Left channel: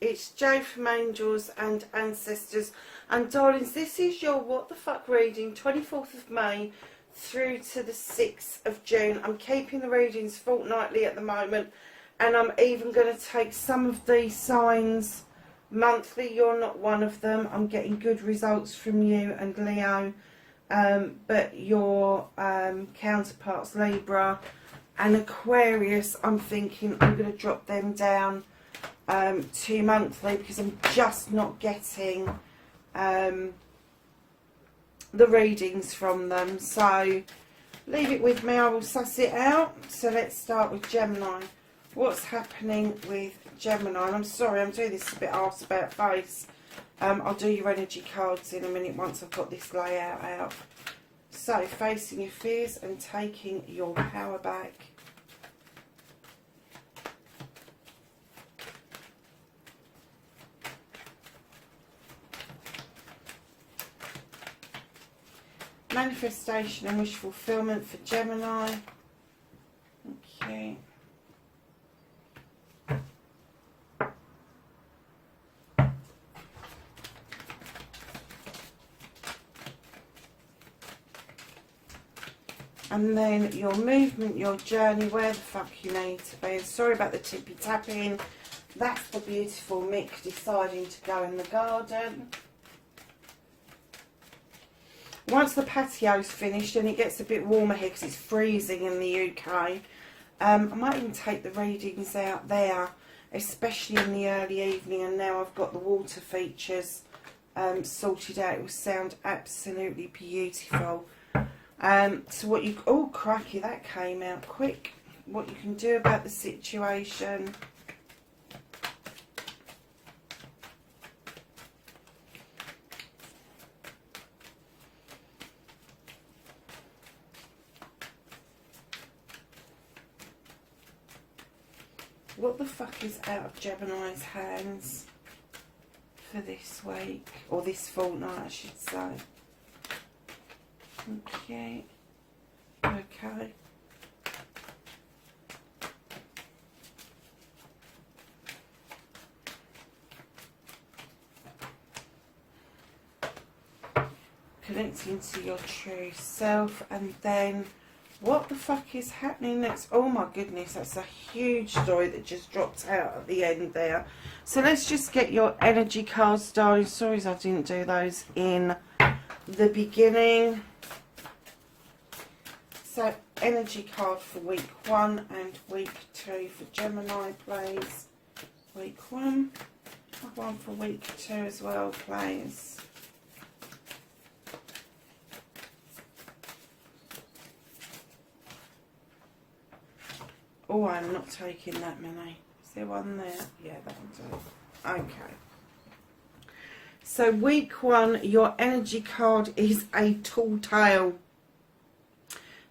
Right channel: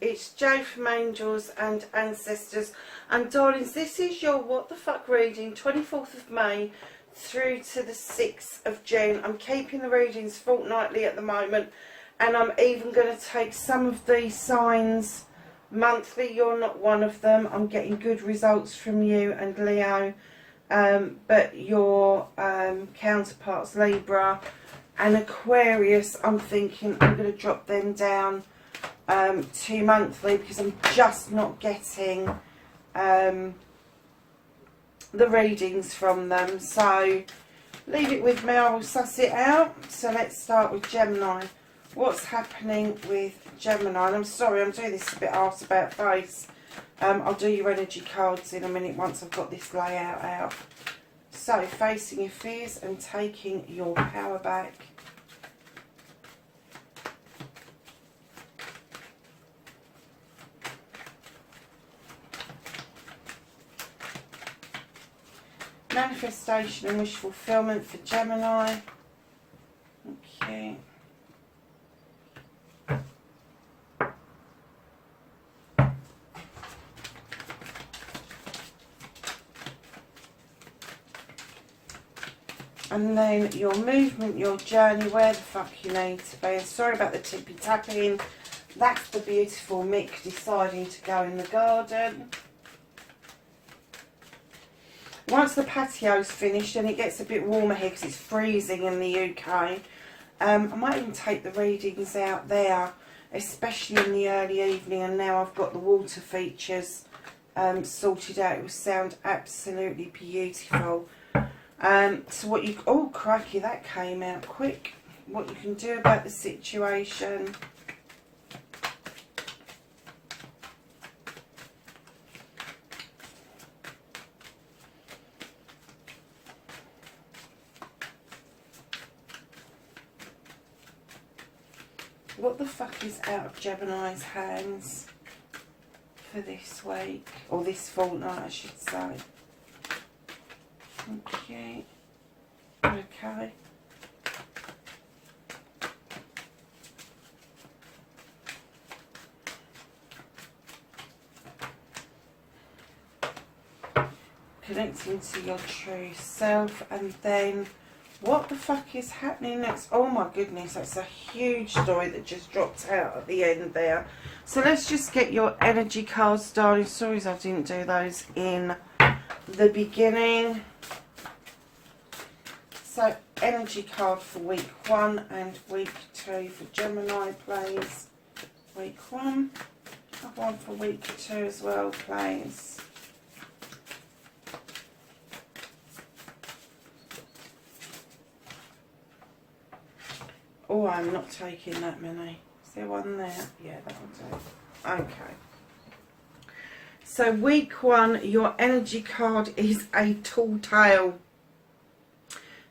It's Jo from Angels and Ancestors, and darlings, this is your what the fuck reading, 24th of May through to the 6th of June. I'm keeping the readings fortnightly at the moment, and I'm even going to take some of these signs monthly. You're not one of them. I'm getting good results from you and Leo, but your counterparts Libra and Aquarius, I'm thinking I'm going to drop them down to monthly, because I'm just not getting the readings from them. So leave it with me, I will suss it out. So let's start with Gemini. What's happening with Gemini? And I'm sorry, I'm doing this a bit arse about face. I'll do your energy cards in a minute once I've got this layout out. So, facing your fears and taking your power back. Manifestation and wish fulfillment for Gemini. Okay. And then your movement, your journey, where the fuck you need to be. And sorry about the tippy tapping. That's the beautiful Mick deciding to go in the garden. Once the patio's finished and it gets a bit warmer here because it's freezing in the UK, I might even take the readings out there, especially in the early evening. And now I've got the water features sorted out. It will sound absolutely beautiful. So what you... Oh, crikey, that came out quick. What you can do about the situation. What the fuck is out of Gemini's hands for this week? Or this fortnight, I should say. Okay. Okay. Connecting to your true self, and then what the fuck is happening next? Oh my goodness, that's a huge story that just dropped out at the end there. So let's just get your energy cards, darling. Sorry I didn't do those in the beginning. So energy card for week 1 and week 2 for Gemini, please. Week 1. Have one for week 2 as well, please. Oh, I'm not taking that many. Is there one there? Yeah, that will do. Okay. So week 1, your energy card is a tall tale.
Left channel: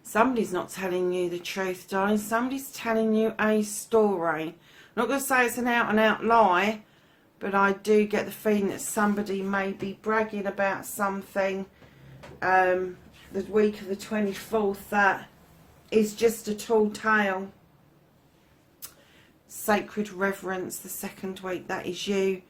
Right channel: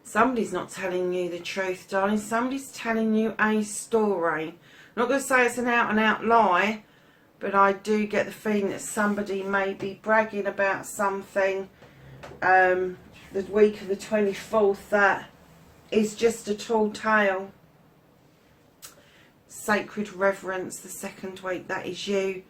Somebody's not telling you the truth, darling. Somebody's telling you a story. I'm not going to say it's an out and out lie, but I do get the feeling that somebody may be bragging about something the week of the 24th that is just a tall tale. Sacred reverence, the second week, that is you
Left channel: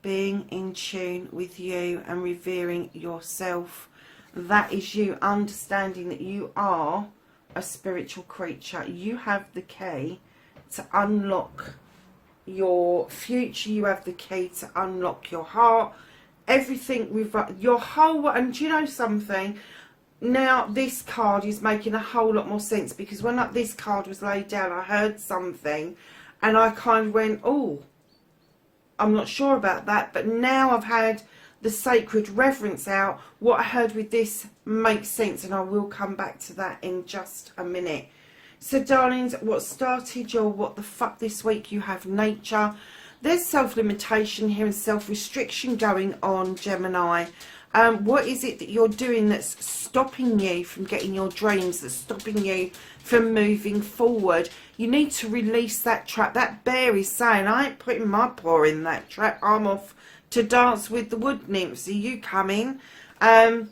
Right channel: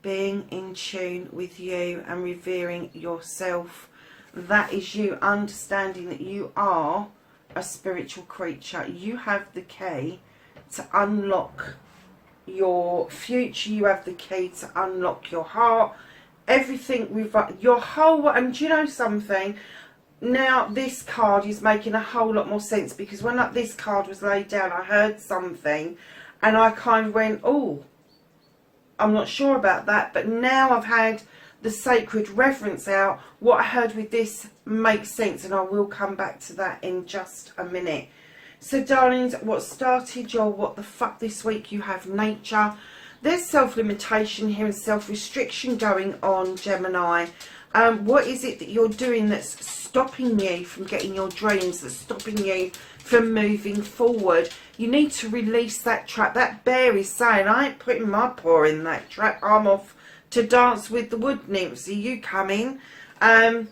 being in tune with you and revering yourself. That is you understanding that you are a spiritual creature. You have the key to unlock your future. You have the key to unlock your heart. Everything with your whole... And do you know something? Now this card is making a whole lot more sense, because when this card was laid down, I heard something and I kind of went, oh, I'm not sure about that. But now I've had the sacred reverence out, what I heard with this makes sense, and I will come back to that in just a minute. So darlings, what started your what the fuck this week, you have nature. There's self-limitation here and self-restriction going on, Gemini. What is it that you're doing that's stopping you from getting your dreams, that's stopping you for moving forward. You need to release that trap. That bear is saying, I ain't putting my paw in that trap. I'm off to dance with the wood nymphs. Are you coming? And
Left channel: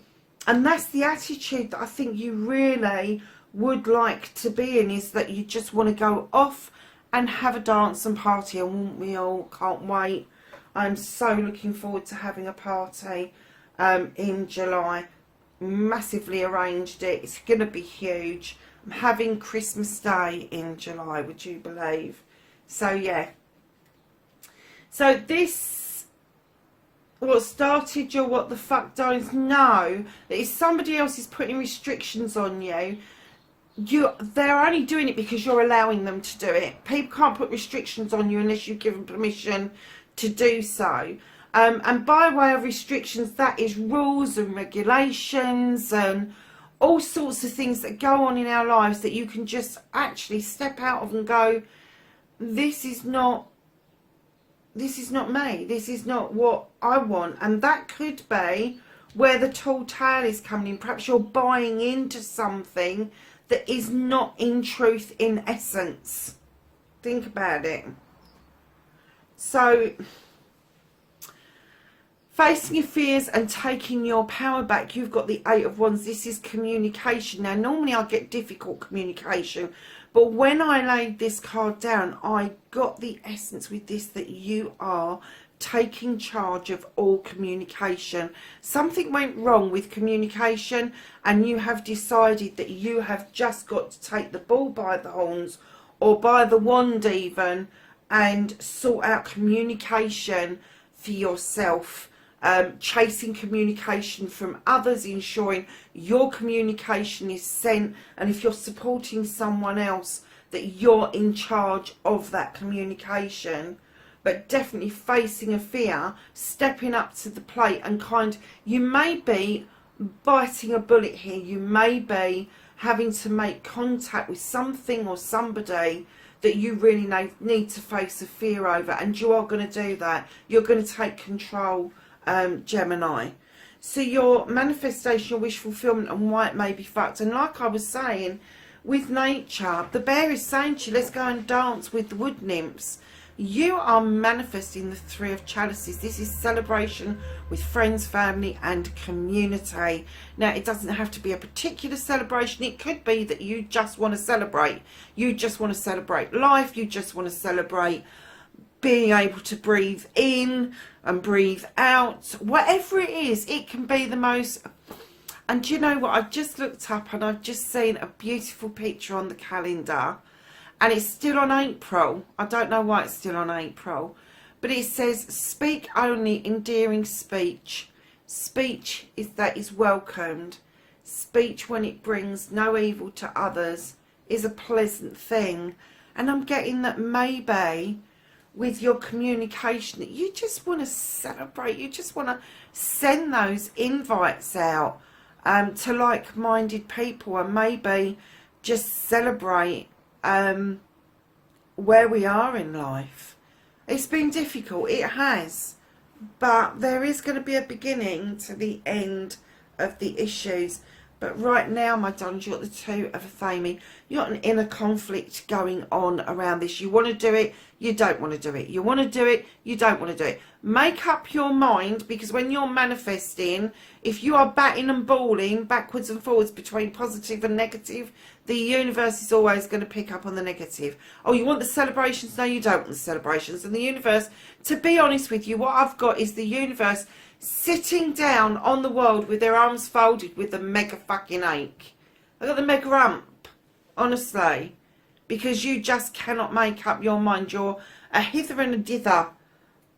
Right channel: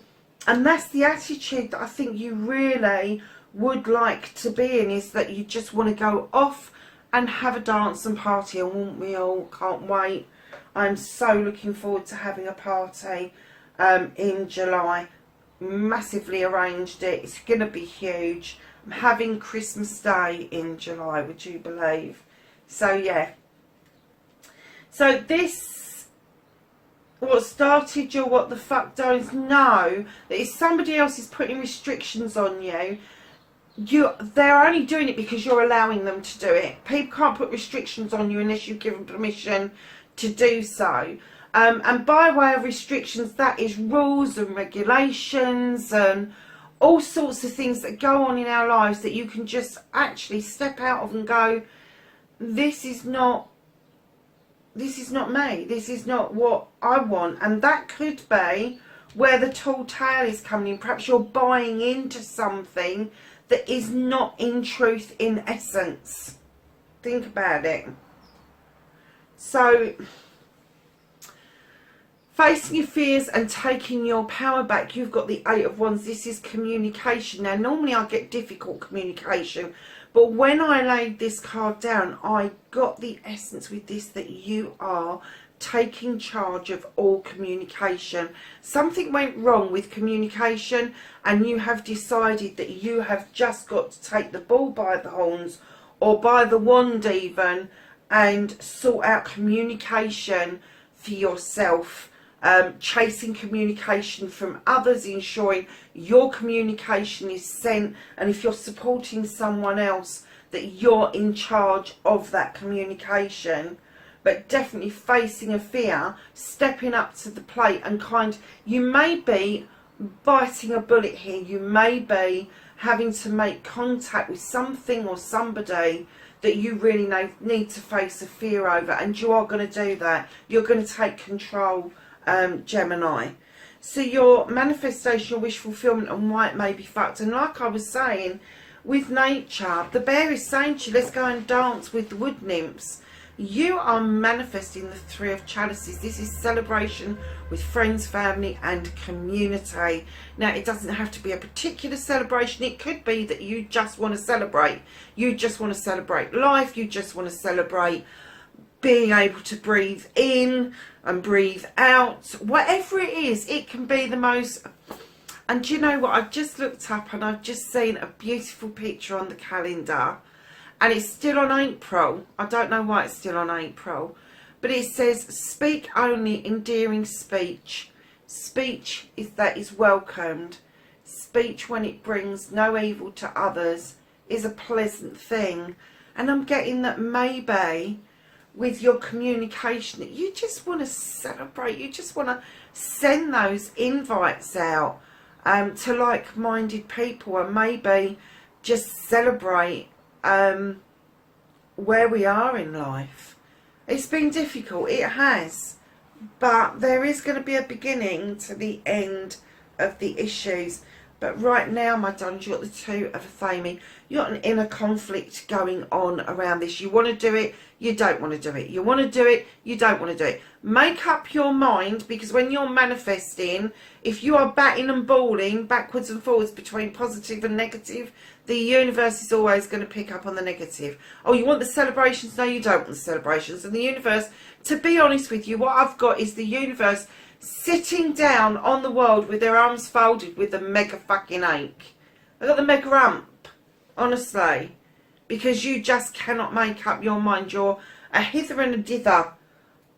that's the attitude that I think you really would like to be in, is that you just want to go off and have a dance and party. And won't we all? Can't wait. I'm so looking forward to having a party in July. Massively arranged it. It's going to be huge. I'm having Christmas Day in July, would you believe? So yeah. So this, what started your what the fuck don't know, that if somebody else is putting restrictions on you, they're only doing it because you're allowing them to do it. People can't put restrictions on you unless you've given permission to do so. And by way of restrictions, that is rules and regulations and all sorts of things that go on in our lives that you can just actually step out of and go, this is not me, this is not what I want. And that could be where the tall tale is coming in. Perhaps you're buying into something that is not in truth, in essence. Think about it. So, facing your fears and taking your power back, you've got the Eight of Wands. This is communication. Now, normally I get difficult communication, but when I laid this card down, I got the essence with this, that you are taking charge of all communication. Something went wrong with communication and you have decided that you have just got to take the bull by the horns, or by the wand even, and sort out communication for yourself. Chasing communication from others, ensuring your communication is sent, and if you're supporting someone else, that you're in charge of that communication. But definitely facing a fear, stepping up to the plate, and you may be biting a bullet here. You may be having to make contact with something or somebody that you really need to face a fear over, and you are going to do that. You're going to take control, Gemini. So your manifestation, your wish fulfillment, and why it may be fucked. And like I was saying, with nature, the bear is saying to you, let's go and dance with the wood nymphs. You are manifesting the Three of Chalices. This is celebration with friends, family and community. Now, it doesn't have to be a particular celebration. It could be that you just want to celebrate. You just want to celebrate life. You just want to celebrate being able to breathe in and breathe out. Whatever it is, it can be the most... And do you know what? I've just looked up and I've just seen a beautiful picture on the calendar. And it's still on April. I don't know why it's still on April. But it says, speak only endearing speech. Speech that is welcomed. Speech when it brings no evil to others is a pleasant thing. And I'm getting that maybe with your communication, that you just want to celebrate. You just want to send those invites out to like-minded people, and maybe just celebrate where we are in life. It's been difficult, it has, but there is going to be a beginning to the end of the issues. But right now, my darlings, you've got the Two of Athame. You've got an inner conflict going on around this. You want to do it, you don't want to do it. You want to do it, you don't want to do it. Make up your mind, because when you're manifesting, if you are batting and balling backwards and forwards between positive and negative, the universe is always going to pick up on the negative. Oh, you want the celebrations? No, you don't want the celebrations. And the universe, to be honest with you, what I've got is the universe sitting down on the world with their arms folded with a mega fucking ache. I've got the mega rump, honestly, because you just cannot make up your mind. You're a hither and a dither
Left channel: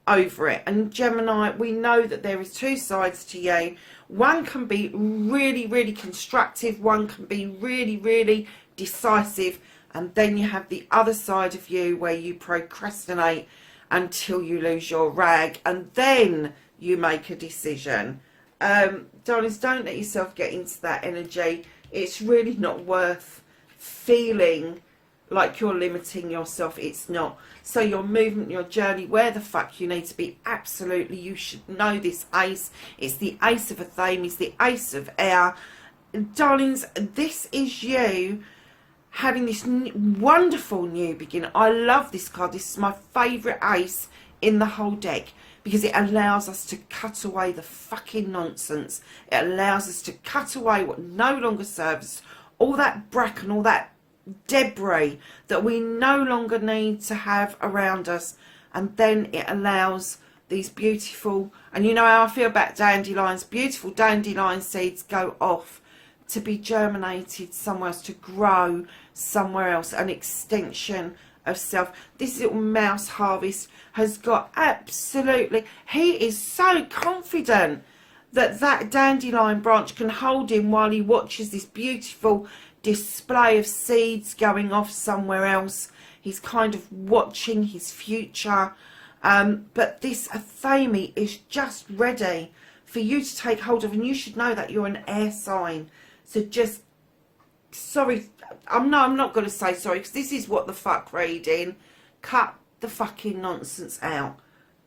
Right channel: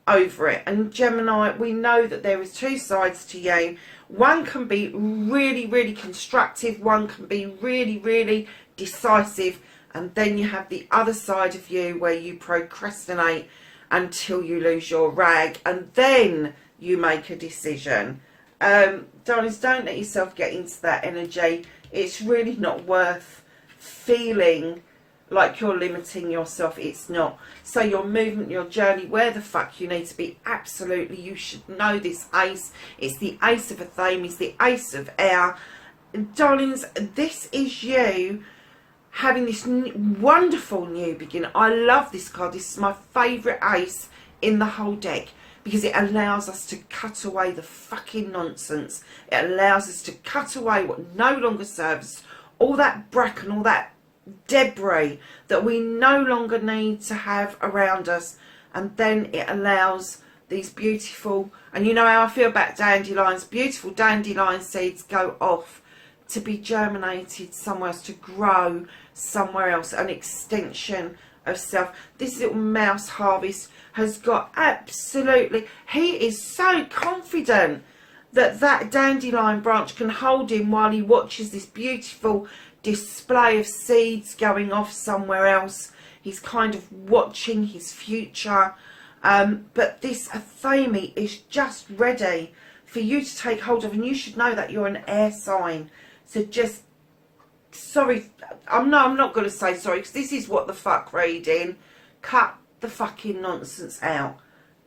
over it. And Gemini, we know that there is two sides to you. One can be really, really constructive. One can be really, really decisive. And then you have the other side of you where you procrastinate until you lose your rag. And then you make a decision. Darlings, don't let yourself get into that energy. It's really not worth feeling like you're limiting yourself. It's not. So your movement, your journey, where the fuck you need to be, absolutely, you should know this ace. It's the Ace of Athame, it's the Ace of Air. Darlings, this is you having this wonderful new beginning. I love this card. This is my favourite ace in the whole deck, because it allows us to cut away the fucking nonsense. It allows us to cut away what no longer serves us, all that bracken, all that debris that we no longer need to have around us. And then it allows these beautiful, and you know how I feel about dandelions, beautiful dandelion seeds go off to be germinated somewhere else, to grow somewhere else, an extension of self. This little mouse harvest has got absolutely, he is so confident that that dandelion branch can hold him while he watches this beautiful display of seeds going off somewhere else. He's kind of watching his future. But this Athame is just ready for you to take hold of, and you should know that you're an air sign. So just, sorry, I'm not going to say sorry, because this is what the fuck reading. Cut the fucking nonsense out.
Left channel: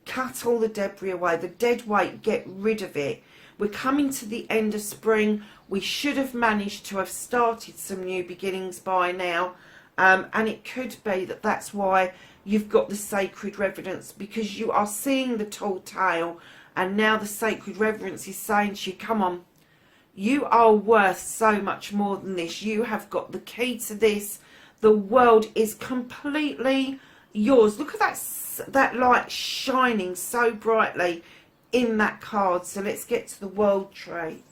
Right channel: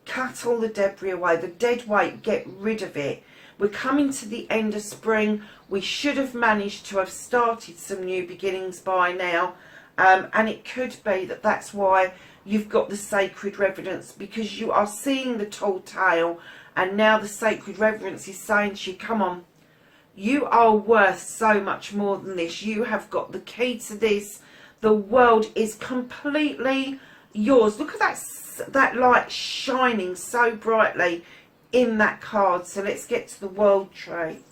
Cut all the debris away, the dead weight, get rid of it. We're coming to the end of spring. We should have managed to have started some new beginnings by now. And it could be that that's why you've got the sacred reverence, because you are seeing the tall tale, and now the sacred reverence is saying to you, come on, you are worth so much more than this. You have got the key to this. The world is completely yours. Look at that light shining so brightly in that card. So let's get to the world tree.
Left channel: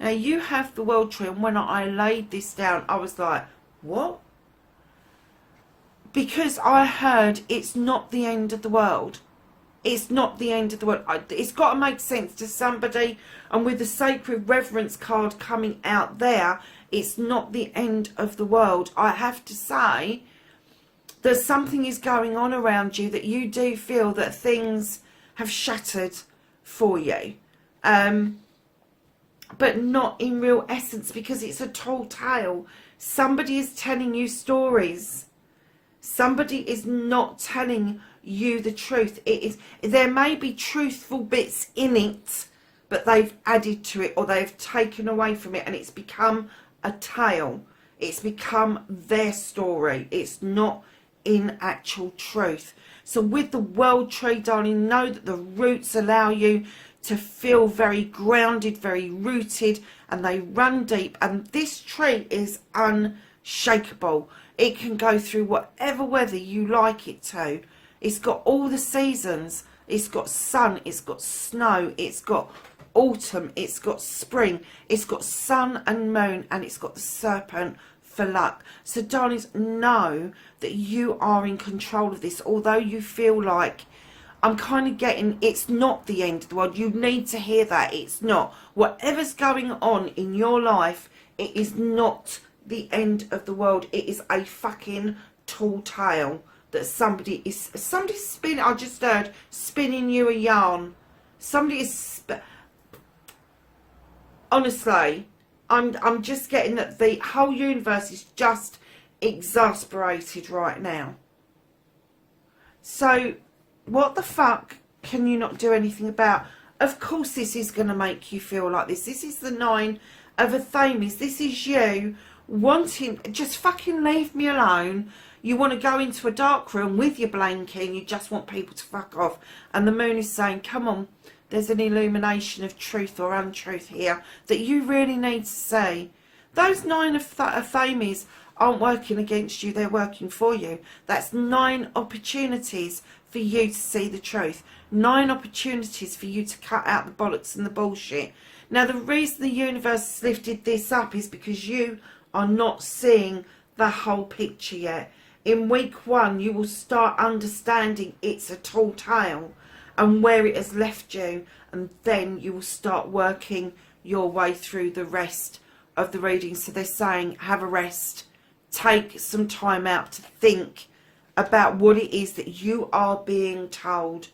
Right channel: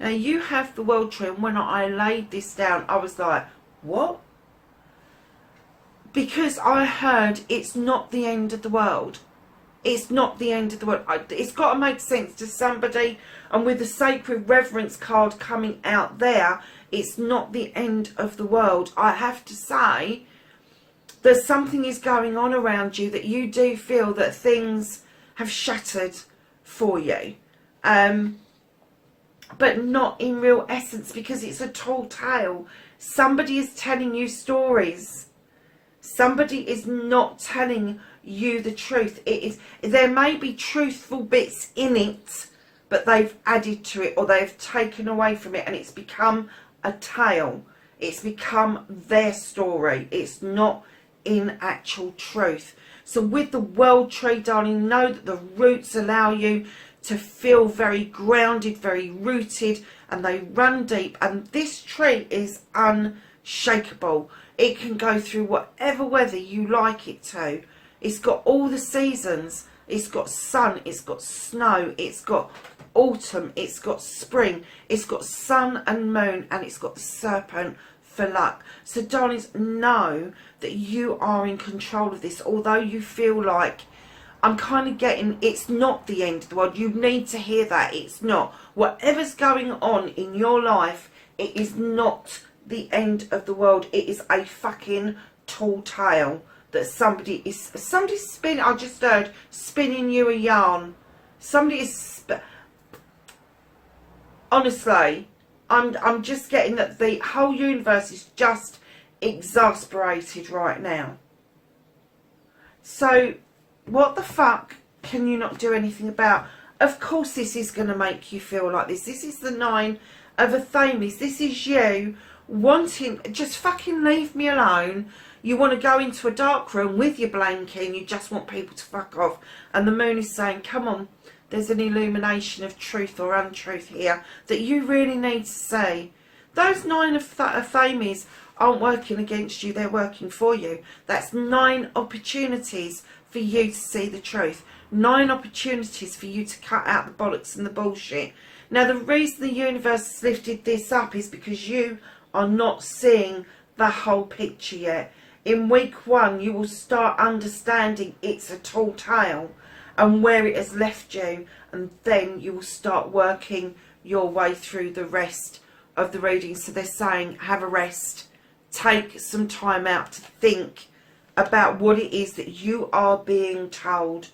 Now you have the world tree, and when I laid this down, I was like, what? Because I heard it's not the end of the world. It's not the end of the world. It's got to make sense to somebody. And with the sacred reverence card coming out there, it's not the end of the world. I have to say that something is going on around you, that you do feel that things have shattered for you. But not in real essence, because it's a tall tale. Somebody is telling you stories. Somebody is not telling you the truth. There may be truthful bits in it, but they've added to it, or they've taken away from it, and it's become a tale. It's become their story. It's not in actual truth. So with the world tree, darling, know that the roots allow you to feel very grounded, very rooted, and they run deep. And this tree is unshakable. It can go through whatever weather you like it to. It's got all the seasons. It's got sun, it's got snow, it's got autumn, it's got spring, it's got sun and moon, and it's got the serpent for luck. So darlings, know that you are in control of this. Although you feel like, I'm kind of getting, it's not the end of the world. You need to hear that. It's not. Whatever's going on in your life, it is not the end of the world. It is a fucking tall tale that somebody's spinning. I just heard spinning you a yarn. Somebody is honestly, I'm just getting that the whole universe is just exasperated right now. So what the fuck can you not do anything about? Of course this is going to make you feel like this. This is the 9 of Athames. This is you wanting, just fucking leave me alone. You want to go into a dark room with your blanket and you just want people to fuck off. And the moon is saying, come on, there's an illumination of truth or untruth here that you really need to see. Those 9 of Athames aren't working against you, they're working for you. That's 9 opportunities for you to see the truth. 9 opportunities for you to cut out the bollocks and the bullshit. Now the reason the universe has lifted this up is because you are not seeing the whole picture yet. In week 1 you will start understanding it's a tall tale and where it has left you, and then you will start working your way through the rest of the reading. So they're saying have a rest, take some time out to think about what it is that you are being told.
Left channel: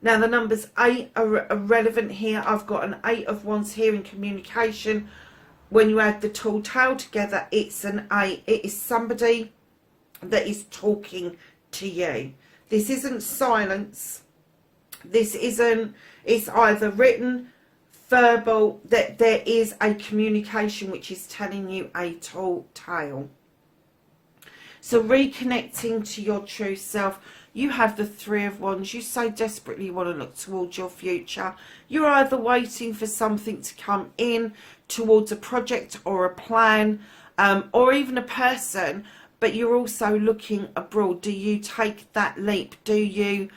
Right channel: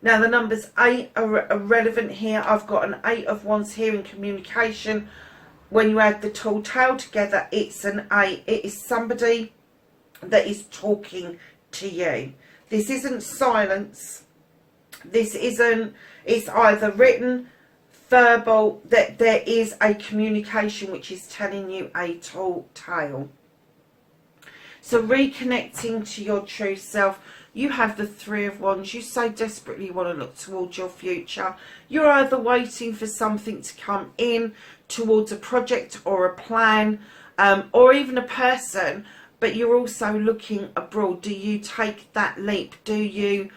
Now the numbers 8 are relevant here. I've got an 8 of Wands here in communication. When you add the tall tale together, it's an 8. It is somebody that is talking to you. This isn't silence. This isn't, it's either written, verbal, that there is a communication which is telling you a tall tale. So reconnecting to your true self. You have the Three of Wands. You so desperately want to look towards your future. You're either waiting for something to come in towards a project or a plan, or even a person, but you're also looking abroad. Do you take that leap? Do you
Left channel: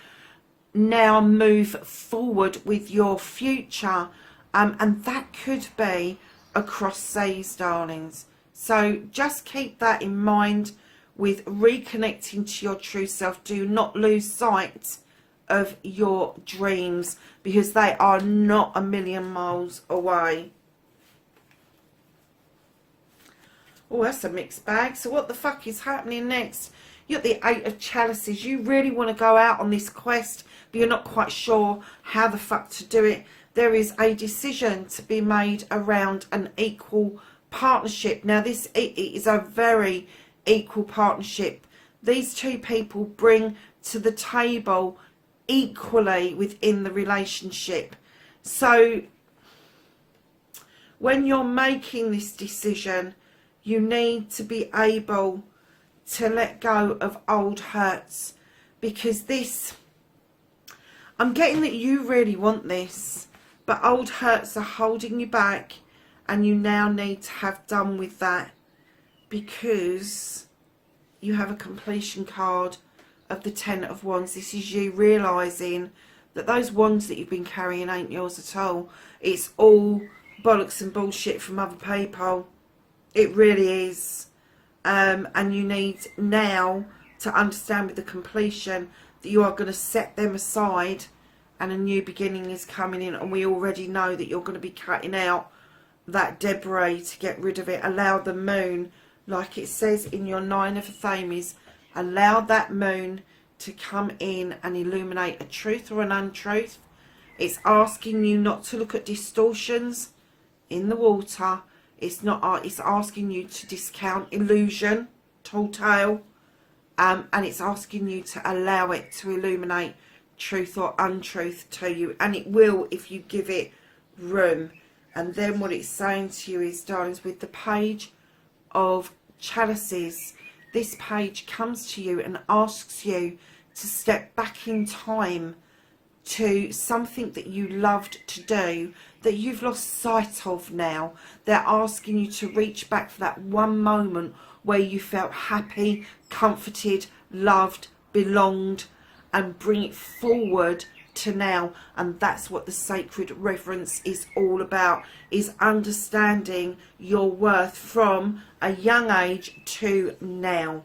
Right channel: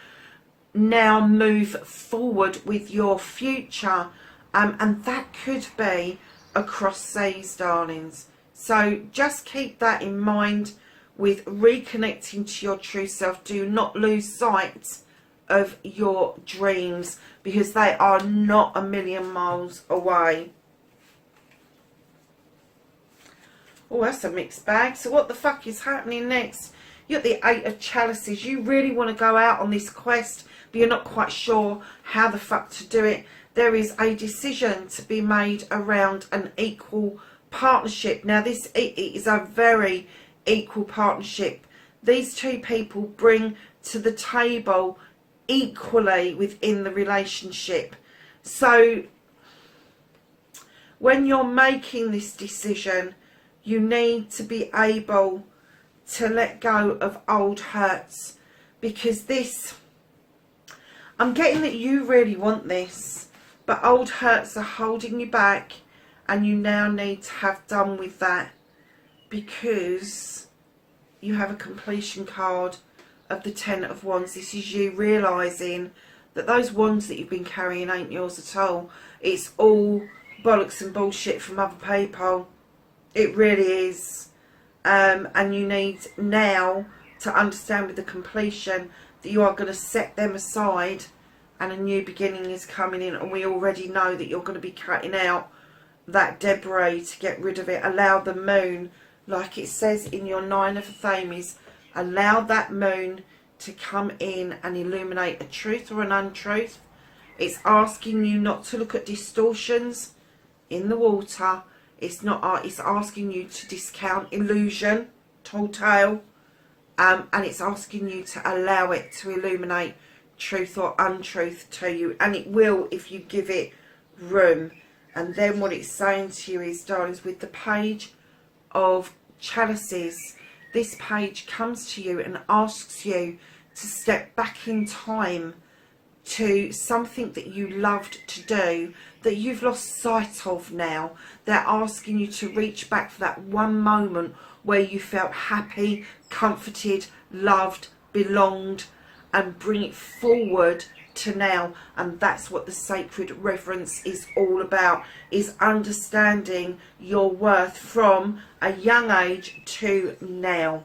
now move forward with your future? And that could be across seas, darlings. So just keep that in mind with reconnecting to your true self. Do not lose sight of your dreams, because they are not a million miles away. Oh, that's a mixed bag. So what the fuck is happening next? You're at the Eight of Chalices. You really want to go out on this quest, but you're not quite sure how the fuck to do it. There is a decision to be made around an equal partnership. Now, this is a very equal partnership. These two people bring to the table equally within the relationship. So when you're making this decision, you need to be able to let go of old hurts, because this, I'm getting that you really want this, but old hurts are holding you back, and you now need to have done with that, because you have a completion card of the Ten of Wands. This is you realising that those wands that you've been carrying ain't yours at all. It's all bollocks and bullshit from other people. It really is. And you need now to understand with the completion that you are going to set them aside, and a new beginning is coming in. And we already know that you're going to be cutting out that debris to get rid of it. Allow the moon, like it says in your Nine of Thames, allow that moon to come in and illuminate a truth or an untruth. It's asking you not to look at distortions in the water. It's asking you to discount illusion, tall tale, and it's asking you to allow it to illuminate truth or untruth to you, and it will if you give it room. And then what it's saying to you is, darlings, with the Page of Chalices, this page comes to you and asks you to step back in time to something that you loved to do that you've lost sight of now. They're asking you to reach back for that one moment where you felt happy, comforted, loved, belonged, and bring it forward to now. And that's what the sacred reverence is all about, is understanding your worth from a young age to now.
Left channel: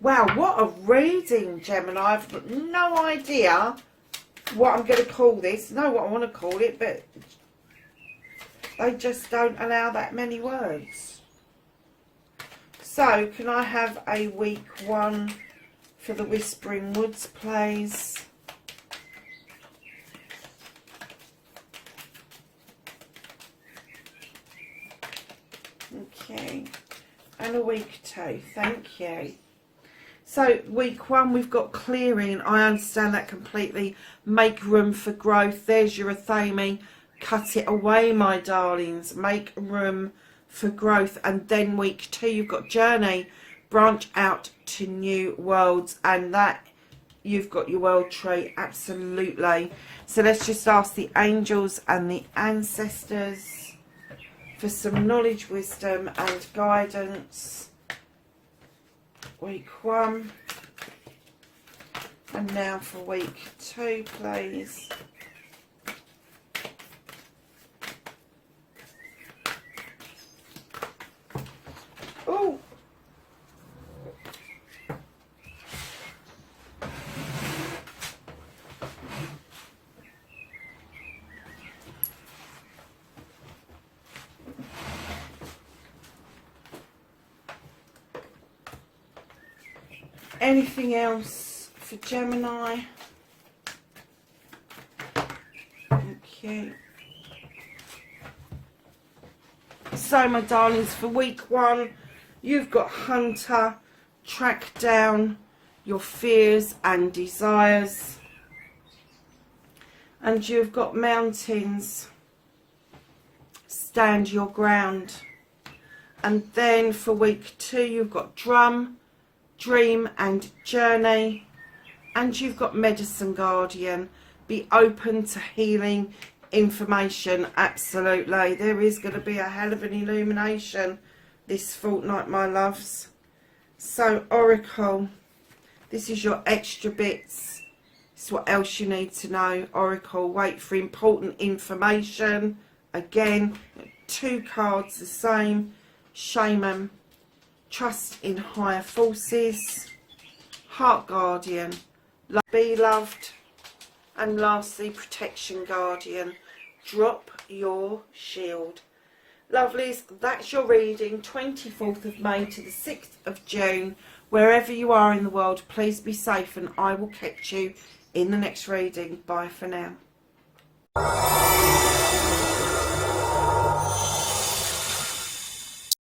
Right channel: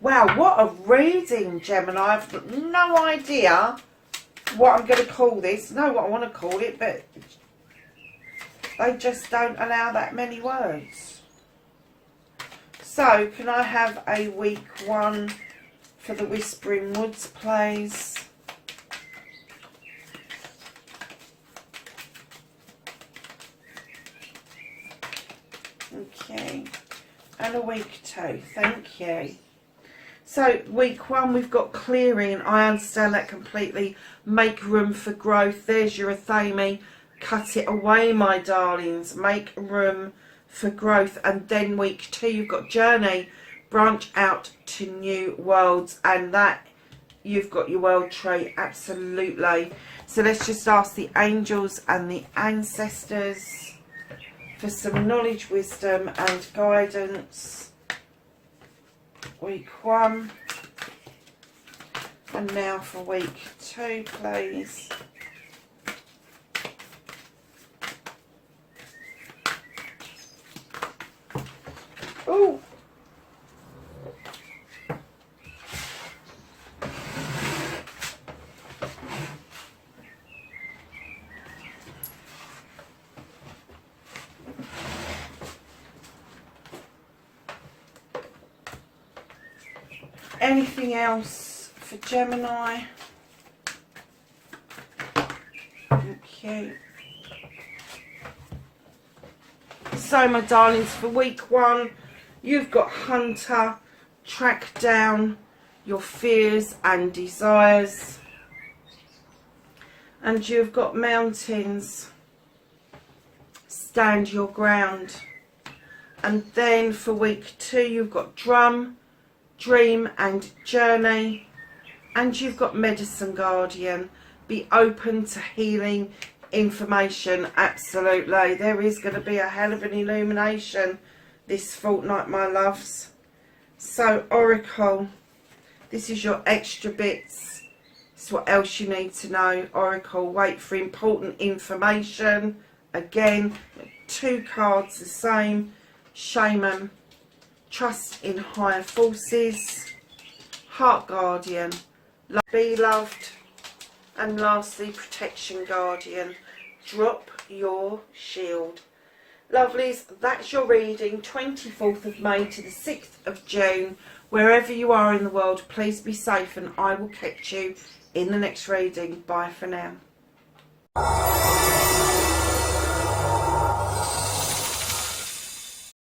Wow, what a reading, Gemini. I've got no idea what I'm going to call this. Know what I want to call it, but they just don't allow that many words. So, can I have a week one for the Whispering Woods, please? Okay. And a week two. Thank you. So, week one, we've got clearing. I understand that completely. Make room for growth. There's your Athame. Cut it away, my darlings. Make room for growth. And then week two, you've got journey. Branch out to new worlds. And that, you've got your world tree. Absolutely. So, let's just ask the angels and the ancestors for some knowledge, wisdom, and guidance. Week one, and now for week two, please. Oh, anything else for Gemini? Okay. So, my darlings, for week one, you've got Hunter. Track down your fears and desires. And you've got mountains. Stand your ground. And then for week 2, you've got drum, dream and journey. And you've got medicine guardian. Be open to healing information. Absolutely. There is going to be a hell of an illumination this fortnight, my loves. So, Oracle, this is your extra bits. It's what else you need to know. Oracle, wait for important information. Again, 2 cards the same. Shaman, trust in higher forces. Heart guardian, be loved. And lastly, protection guardian, drop your shield. Lovelies, that's your reading, 24th of May to the 6th of June. Wherever you are in the world, please be safe, and I will catch you in the next reading. Bye for now.